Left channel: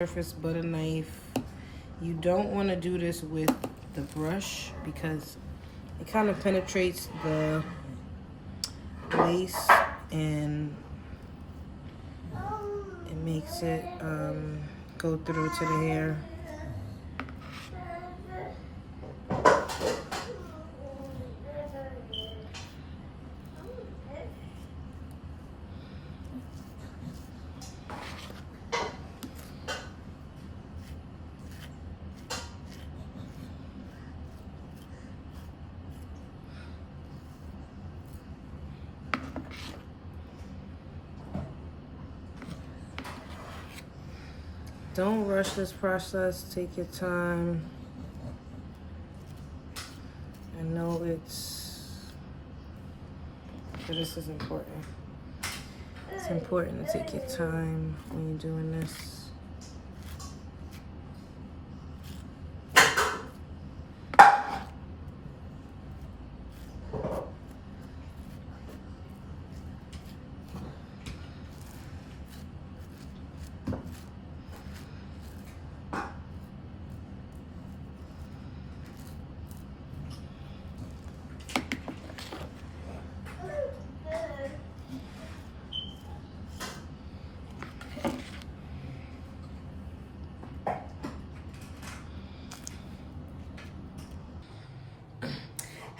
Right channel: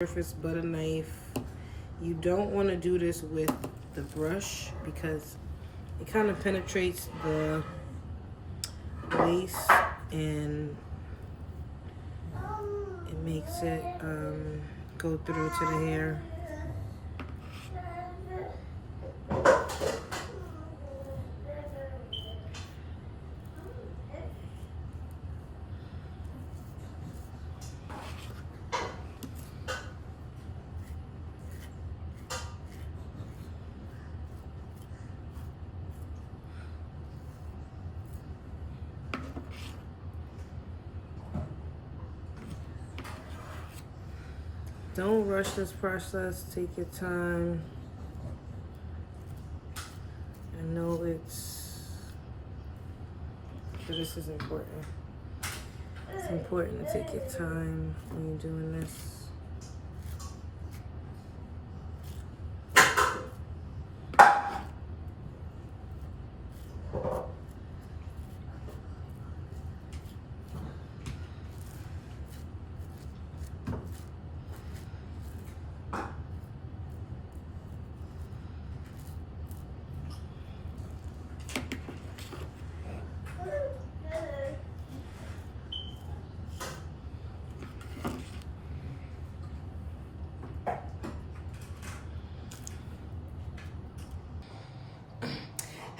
surface but a knife. You don't want to do this with the brush because it kind of penetrates the lace and it makes it go through to the hair. Don't rush this process, take your time. I know this is important. It's important to take your time when you're doing this.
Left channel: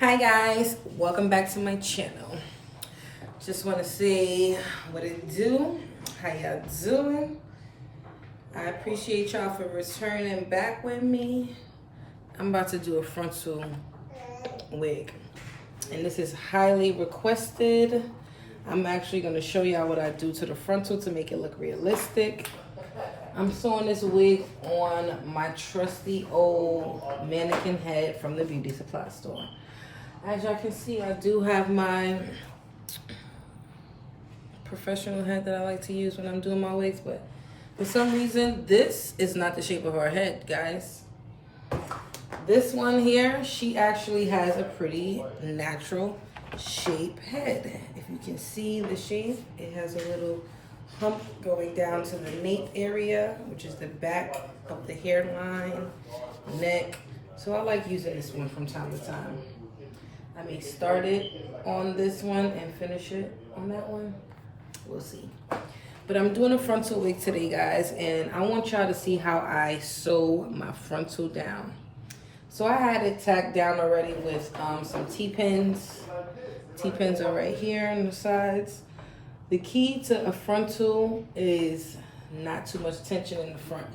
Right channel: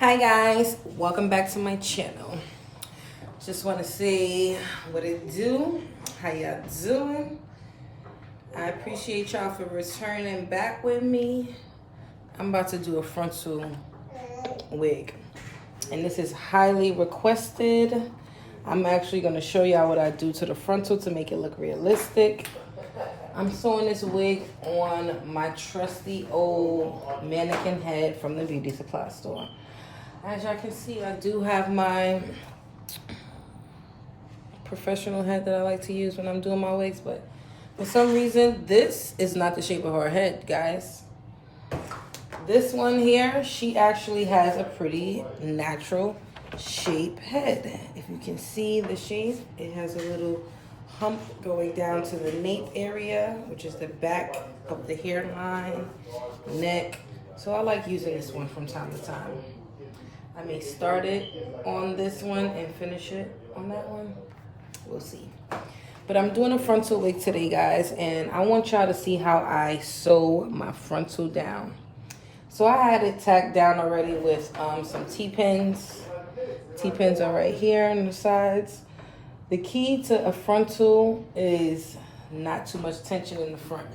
Hi guys, welcome back to my channel. Just want to say what it do, how y'all doing. I appreciate y'all for returning back with me. I'm about to do a frontal wig and this is highly requested. I'm actually going to show y'all what I do to the frontal to make it look realistic. I'm sewing this wig on my trusty old mannequin head from the beauty supply store. As y'all can see, I do have my professional head that I like to use when I'm doing my wigs, but for some reason, this is not the shape of her head, guys. This one here, she actually has a pretty natural shape head. If you can see the shape, it has a little hump going down to the nape area, which is the back of the hairline, neck. So I like using this one from time to time. I may start it on this one and finish it on that one. We'll see. But I'm doing a frontal wig today, guys, and I want y'all to see how I sew my frontal down. So I had it tacked down already with some T-pins. T-pins are right here on the sides. The key to a frontal is not too much tension in the front.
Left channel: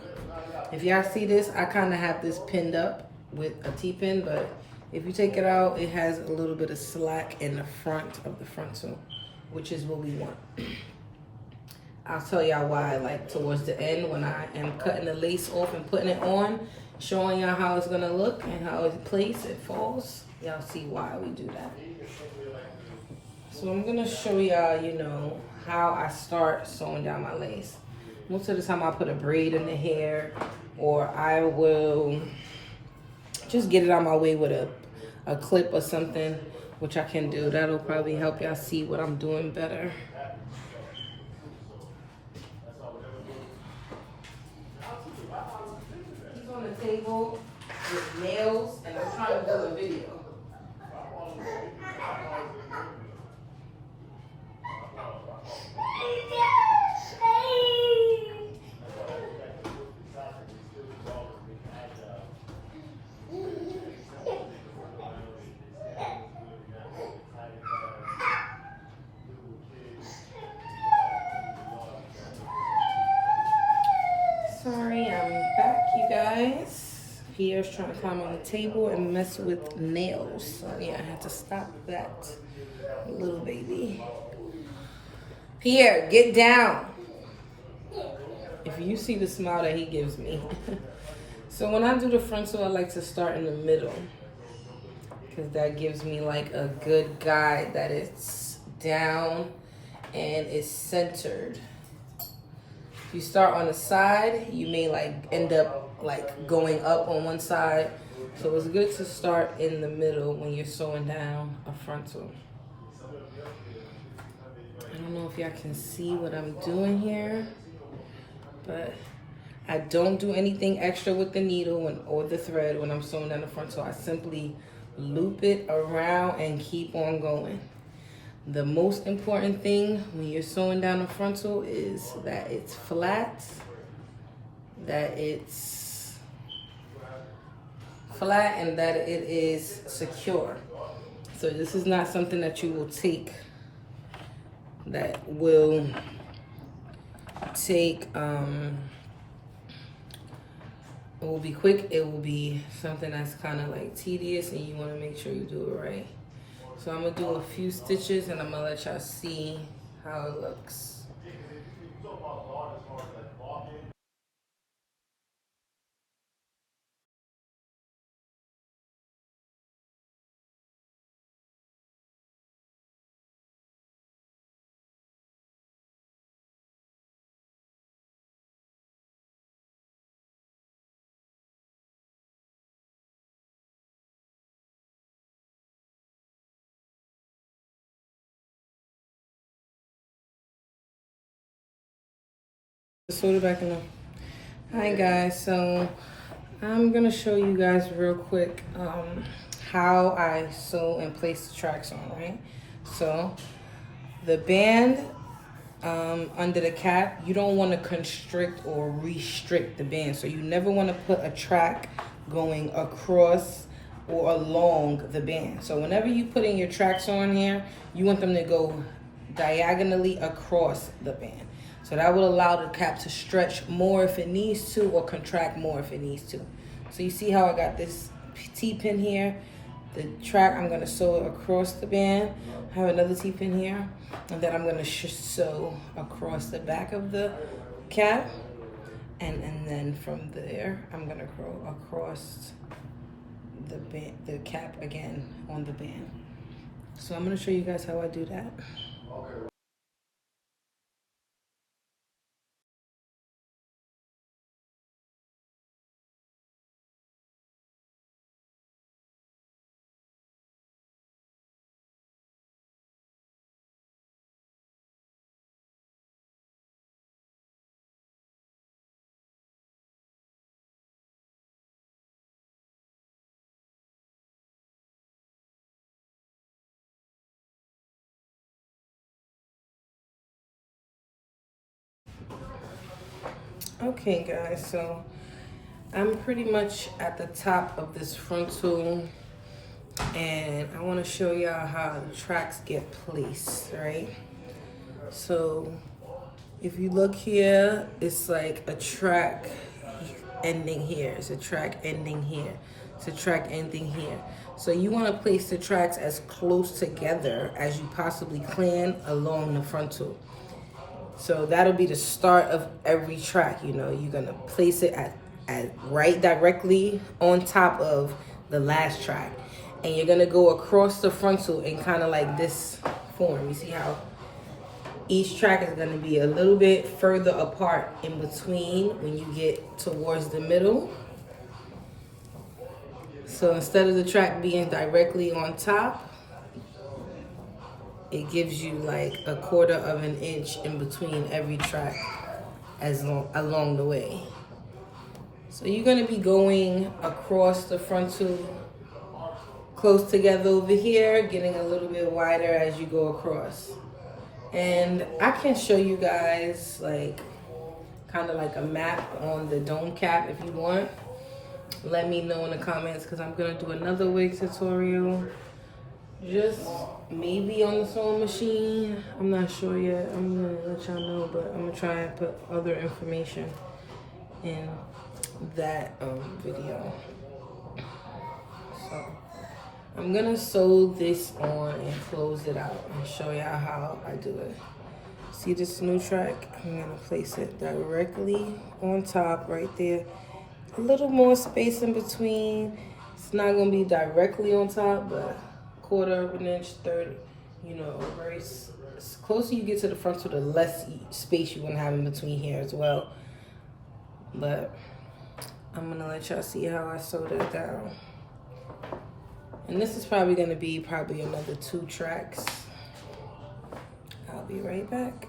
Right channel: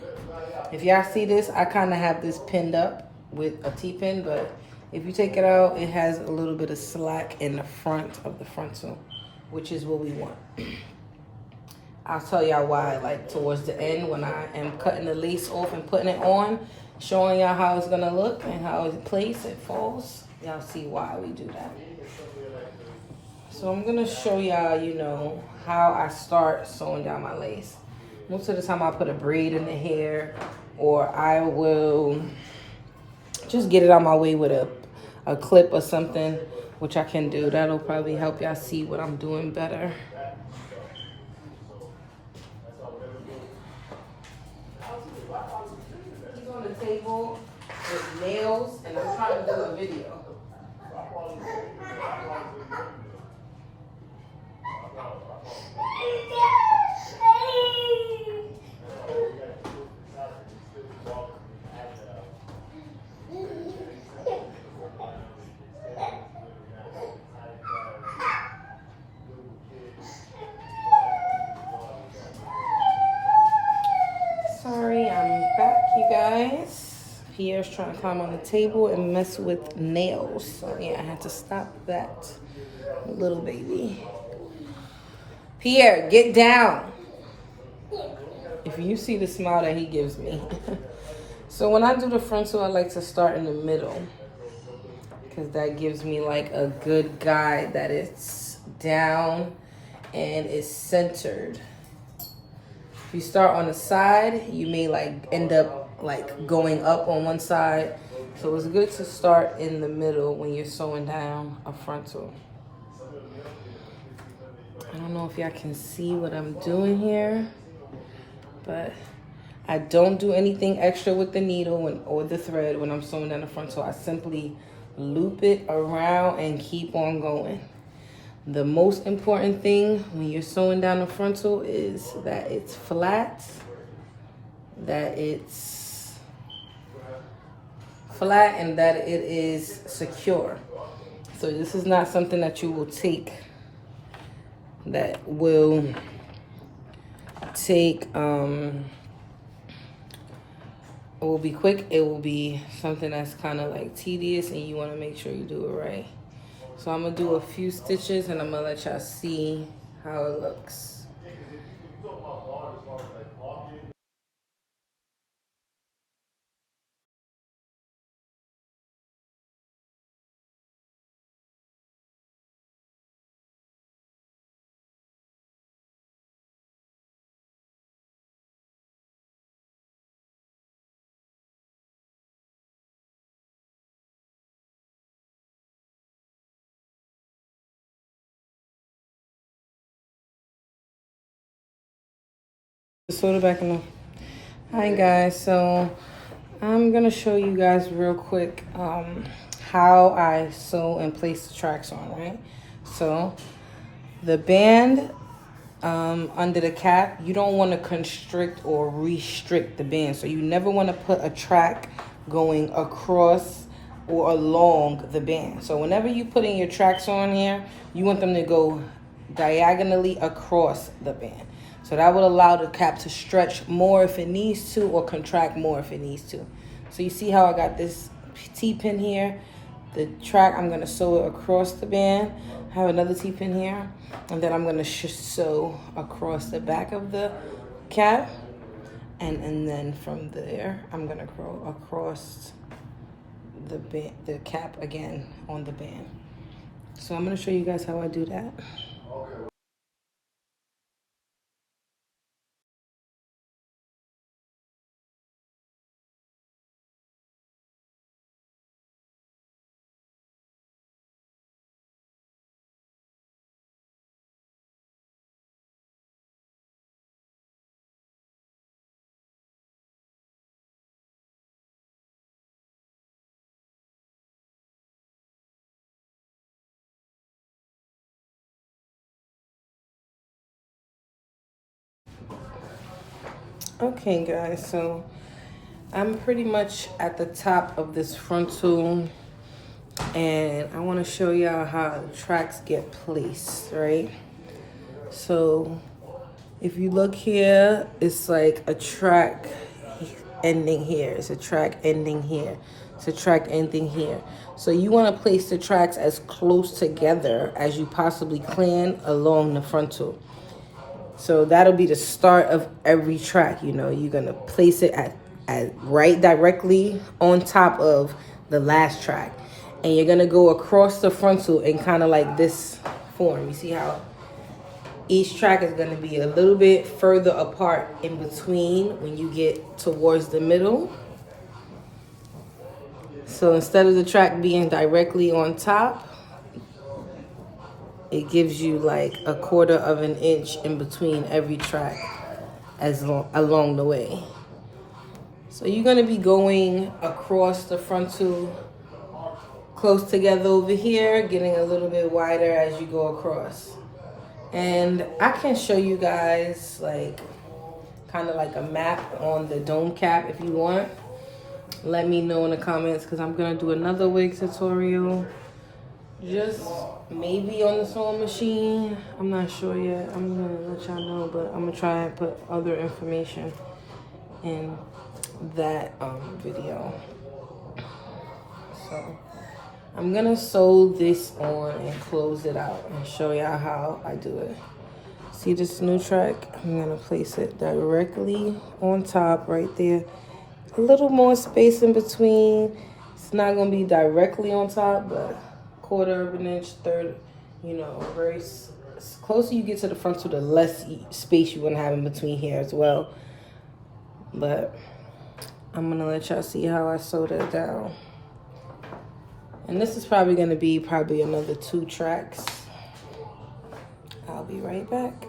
If y'all see this, I kind of have this pinned up with a T-pin, but if you take it out, it has a little bit of slack in the front of the frontal, which is what we want. I'll tell y'all why, like towards the end when I am cutting the lace off and putting it on, showing y'all how it's gonna look and how it's placed, it falls. Y'all see why we do that. So I'm gonna show y'all, you know, how I start sewing down my lace. Most of the time I put a braid in the hair, or I will just get it on my way with a clip or something, which I can do. That'll probably help y'all see what I'm doing better. He's on the table with nails and I'm trying to do a video. Sorry, I'm back, you guys. Pierre's trying to climb on the table and mess with nails. So yeah, I had to stop that. Little baby. Pierre, get down. If you see the smile that he gives me. So when I do the frontal, I like to start in the middle, because that gives me like a good guide that it's down and it's centered. If you start on the side, you may like end up like going up on one side. So it's good to start in the middle when you're sewing down a frontal. I don't know if y'all can see what I'm doing here, but I don't do anything extra with the needle or the thread when I'm sewing down the front, so I simply loop it around and keep on going. The most important thing when you're sewing down the frontal is that it's flat, and that it is secure. So this is not something that you will take it will be quick. It will be something that's kind of like tedious, and you want to make sure you do it right. So I'm gonna do a few stitches and I'm gonna let y'all see how it looks. Sew it back in. Hi guys, so I'm gonna show you guys real quick how I sew and place the tracks on, right? So the band under the cap, you don't want to constrict or restrict the band. So you never want to put a track going across or along the band. So whenever you put in your tracks on here, you want them to go diagonally across the band. So that will allow the cap to stretch more if it needs to, or contract more if it needs to. So you see how I got this T-pin here? The track, I'm gonna sew it across the band. I have another T-pin here, and then I'm gonna sew across the back of the cap, and then from there, I'm gonna go across the cap again on the band. So I'm gonna show you guys how I do that. Okay guys, so I'm pretty much at the top of this frontal, and I want to show y'all how the tracks get placed, right? So if you look here, it's like a track ending here, it's a track ending here, it's a track ending here. So you want to place the tracks as close together as you possibly can along the frontal. So that'll be the start of every track. You know, you're gonna place it at right directly on top of the last track, and you're gonna go across the frontal in kind of like this form. You see how each track is gonna be a little bit further apart in between when you get towards the middle. So instead of the track being directly on top, it gives you like a quarter of an inch in between every track along the way. So you're gonna be going across the frontal close together over here, getting a little bit wider as you go across. And I can show you guys like kind of like a map on the dome cap if you want. Let me know in the comments, because I'm gonna do another wig tutorial, just maybe on the sewing machine. I'm not sure yet. I'm gonna let y'all know, but I'm gonna try and put other information in that video. So I'm gonna sew this on and close it out and show y'all how I do it. See this new track? I'm gonna place it directly on top right there. A little more space in between. It's not gonna be directly on top, but quarter of an inch, third, you know, very closer you get to the frontal, the less space you're gonna have in between here as well. But I'm gonna let y'all see how I sew that down. And this is probably gonna be another 2 tracks. I'll be right back.